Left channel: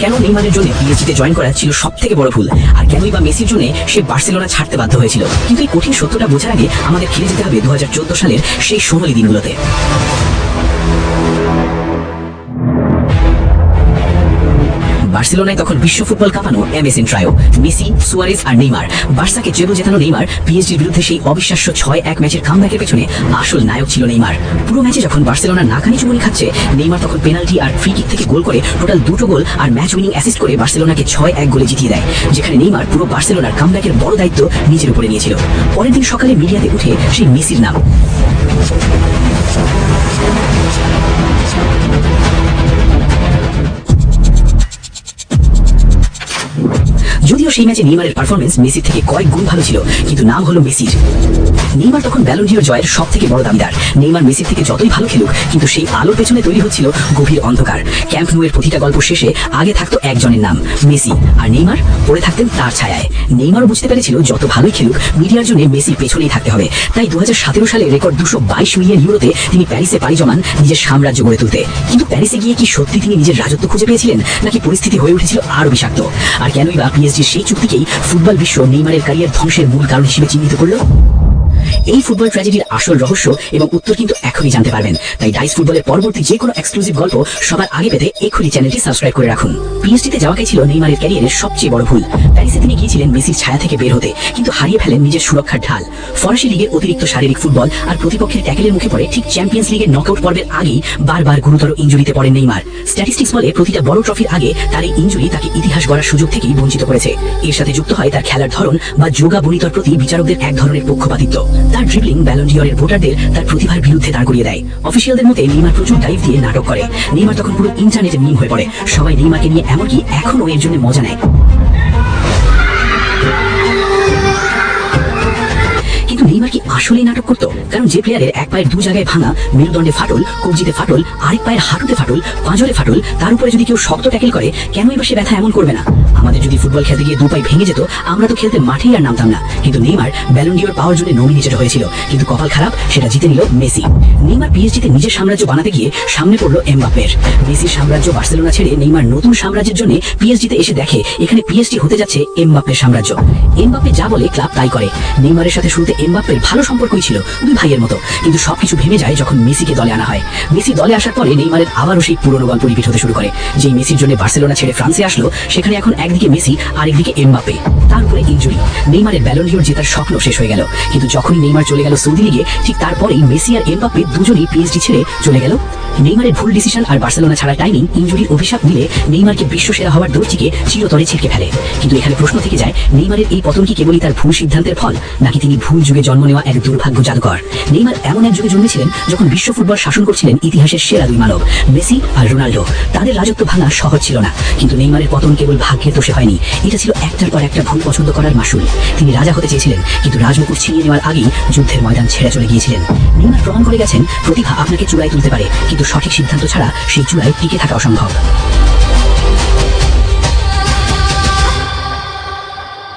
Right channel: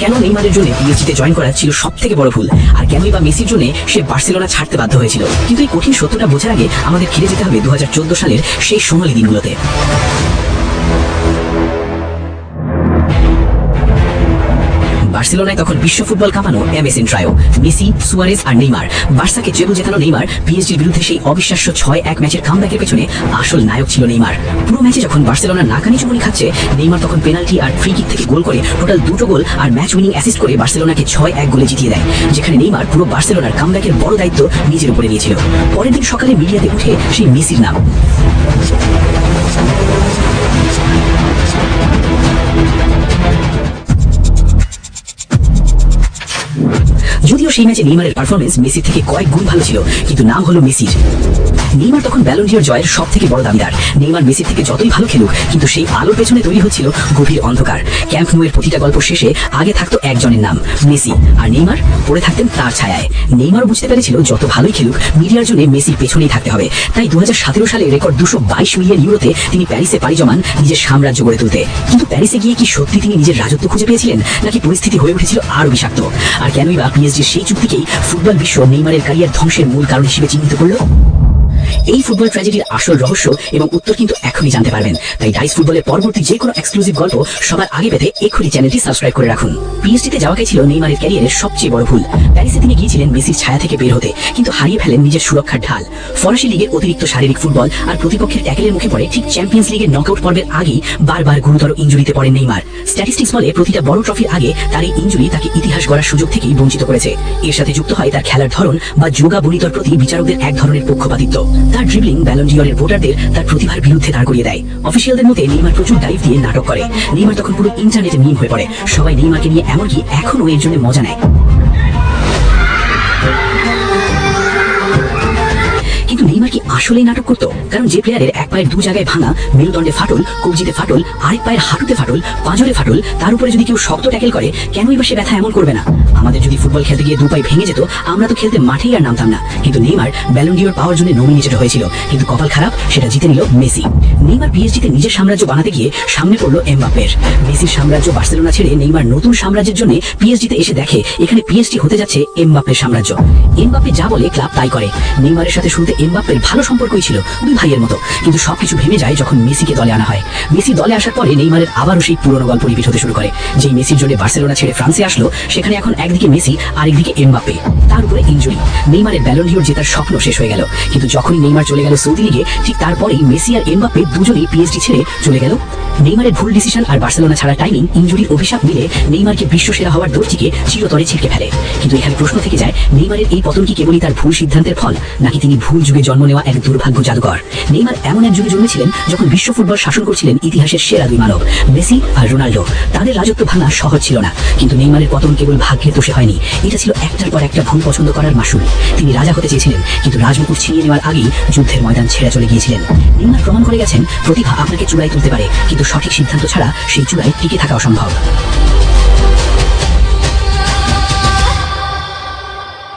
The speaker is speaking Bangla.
কেন নেইমারের জন্য পিএসজিতে জয়েন করা ছিল সবথেকে বড় ভুল, আর কেনই বা মেসির জন্য সে বার্সেলোনা ছাড়তে বাধ্য হয়েছিল। কিন্তু এই কঠিন সত্যটা বোঝার আগে আমাদের ফিরে যেতে হবে 2014 সালের সেই সোনালী দিনগুলোতে। বার্সেলোনায় তখন বিশ্ব ফুটবল কাঁপানো এমএসএন ট্রায়ো, মেসি, সুয়ারেজ আর নেইমার। বার্সাকে ট্রেবল জেতানো নেইমার পিএসজির বিরুদ্ধে সেই অবিশ্বাস্য 6-1 ম্যাচের কামব্যাকের পেছনে আসল নায়ক ছিল নেইমার। পুরো ম্যাচে যখন বার্সেলোনা নাকানি চুমুনি খাচ্ছে, নেইমার তখন পেনাল্টি আর ফ্রি কিক থেকে গোল করে টোটাল 2টো গোল আর ম্যাচ উইনিং অ্যাসিস্ট করে বার্সেলোনাকে 6-1 গোলে জিতিয়ে দেয়, যেখানে নেইমার পুরো বার্সেলোনার কামব্যাকের বড় দায়িত্ব নিজের উপরে নিয়েছিল। পরের দিন সকালে মিডিয়াতে উঠে সেই মেসির নাম। যদিও সেই ম্যাচে নেইমারের পারফরমেন্স মেসির থেকে কয়েক গুণ ভালো ছিল, কিন্তু নাম হলো মেসির। নেইমার তখন ব্যালন ডি'র জয়ের সব থেকে বড় দাবিদার। নেইমার মেসির থেকে যতই ভালো খেলুক, কিন্তু সেই আলোর পেছনে তৈরি হচ্ছিল গভীর অন্ধকার। ক্যাম্প নুয়ের প্রতিটা গল্প শেষে আগে থাকতো একজনের নাম, মেসি, আর নেইমার পড়ে থাকতেন তার ছায়ায়। নেইমার বুঝতে পেরেছিল যত ভালোই খেলুক, মিডিয়ার জন্য মেসির পেছনেই থাকতে হবে। তাই 2017 সালে রেকর্ড 222 মিলিয়ন ইউরোতে তিনি প্যারিসে পাড়ি জমান নিজের সাম্রাজ্য গড়ে তুলতে। কিন্তু প্যারিসে গিয়ে কি সত্যি তিনি নিজের রাজত্ব খুঁজে পেয়েছিলেন, নাকি পরিস্থিতি হয়ে উঠেছিল আরো বিষাক্ত? আর কেনই বা পিএসজির সেই চুক্তিকেই ফুটবল বিশ্ব নেইমারের ক্যারিয়ার ধ্বংসের মূল কারণ হিসেবে চিহ্নিত করলো? এই ফুটবল ট্র্যাজেডির আসল রহস্য এবং উত্তর কিন্তু এখনই জানতে পারবেন। তাই ডাইস ফুটবলের পরবর্তী যে কোনো এক্সক্লুসিভ গল্প সবার আগে পেতে এখনই চ্যানেলটি সাবস্ক্রাইব করে রাখুন। পিএসজিতে যাওয়াটাই ছিল নেইমারের ক্যারিয়ারের সবচেয়ে বড় ভুল। প্যারিসে তিনি গিয়েছিলেন মেসির ছায়া থেকে বের হতে, কিন্তু হারিয়ে ফেলেন নিজের সুরক্ষার ঢাল। ফরাসি লিগের অতিরিক্ত শারীরিক ফুটবল আর প্রতিপক্ষের ট্যাকেলের মুখে পড়ে ঠিক চ্যাম্পিয়ন্স লিগের নকআউট পর্বের আগেই বারবার গুরুতর ইনজুরিতে পড়েন নেইমার। স্ট্যাটিস্টিক্স বলে প্রতিটা বড় ট্রফির আগে তার এই ইনজুরি তাকে ইতিহাস গড়ার সুযোগ থেকেই বঞ্চিত করেছে। এর সাথে যুক্ত হয় তার খেলার ধরন বা যোগা বনিতর প্রতি বিচারকদের এক ধরনের পক্ষপাতিত্ব। তার ড্রিবলিং ব্যালন ডি'রের ভোটারদের তার প্রতিভার বিরুদ্ধে দাঁড় করিয়ে দেয়। অফিসিয়ালদের মতে নেইমার প্রচুর ডাইভ দিয়ে নাটক করে। নেইমার তখন পুরো ইন্টারনেটে মিম হয়ে পড়ে। সবাই নেইমারকে নিয়ে এমনকি এখনো এর জন্য মজা নেয়। কিন্তু নেইমার কি আসলেই নাটক করতো? কারণ যে প্লেয়ারের এক পায়ের দু জায়গায় ভাঙা, মেরুদণ্ডে ফাটল, কবজিতে ফাটল, আরেক পায়ের হাঁটুতে ফাটল, পাঁজরে ফাটল, তার উপরে যদি কেউ শক্ত ট্যাকেল করে, কেনই বা সে ব্যথা এমন করবে না? আমাদের যদি ফুটবল খেলতে গিয়ে দু পায়ে ভেঙে যেত, আমরা তো খেলতে মাঠেই আর নামতাম না। কিন্তু নেইমার ব্যালন ডি'র পাওয়ার জন্য নমিনেটেড হয়েছিল, কিন্তু কপাল খারাপ, সেটা জিতে নিল মেসি। নেইমার পিএসজিতে নিজের সাম্রাজ্য বানাতে গিয়ে সামনে পড়লো এমবাপ্পের। মেসির সাম্রাজ্য বার্সেলোনা ছেড়ে নেইমার নতুন সাম্রাজ্যের জন্য পিএসজিতে এসে দেখে এখানে পিএসজি হতে যাচ্ছে এমবাপ্পের সাম্রাজ্য। এমবাপ্পে যা বলে ক্লাব তাই করে। নেইমারের সাথে শুরুতে এমবাপ্পের ভালো সম্পর্কই ছিল, দুই ভাইয়ের মতো, কিন্তু সবকিছু ভেঙে যায় যখন মেসিকে দলে আনা হয়। মেসি দলে আসার পরে নেইমারের আবারও সেই পুরনো গল্প রিপিট হতে শুরু করে। যেই মেসির জন্য বার্সেলোনা ছেড়ে ফ্রান্সে আসলো, সেখানে এখন একদিকে মেসি আর একদিকে এমবাপ্পে, তার উপরে ইনজুরি। নেইমারের ব্যালন ডি'র জেতার স্বপ্ন শেষ হয়ে গেল। কিন্তু যখনই নেইমার চলে গেল সৌদি লিগে, ঠিক তারপরেই মেসি আর এমবাপ্পে দুজনেই পিএসজি ছেড়ে চলে গেল। নেইমারের ভুল ডিসিশন আর বার্সেলোনা ছাড়া টাইমিং, ইনজুরির অভিশাপ মিলে নেইমারকে বিশ্বসেরা হওয়ার দৌড়টিকে চিরতরে ছিটকে ফেলে। কিন্তু এখানে প্রশ্ন থেকে যায়, নেইমারের এই পতন কি কেবলই তার ভুল সিদ্ধান্তের ফল, নাকি তিনি ভুল যুগে জন্ম নেওয়া এক দুর্ভাগ্য জাদুকর? নেইমার এমন এক যুগে জন্মেছিলেন যখন বিশ্ব ফুটবল শাসন করছিলেন ইতিহাসের সেরা দুই মানব, মেসি আর রোনাল্ডো। তাদের রাজত্ব ভাঙা সহজ ছিল না, কিন্তু নেইমারের পতন কেবল ভাগ্যের দোষে হয়নি। এটা ছিল একটার পর একটা ভুল পছন্দ করার মাসুল। তিনি রাজা হতে চেয়েছিলেন, কিন্তু রাজমুকুট ছিনিয়ে নেওয়ার আগেই যুদ্ধের ময়দান ছেড়ে চলে গিয়েছিলেন। নেইমার প্রমাণ করে গেছেন প্রতিভা আপনাকে চূড়ায় তুলতে পারে, কিন্তু সঠিক সিদ্ধান্ত ছাড়া সেই চূড়ায় টিকে থাকা অসম্ভব।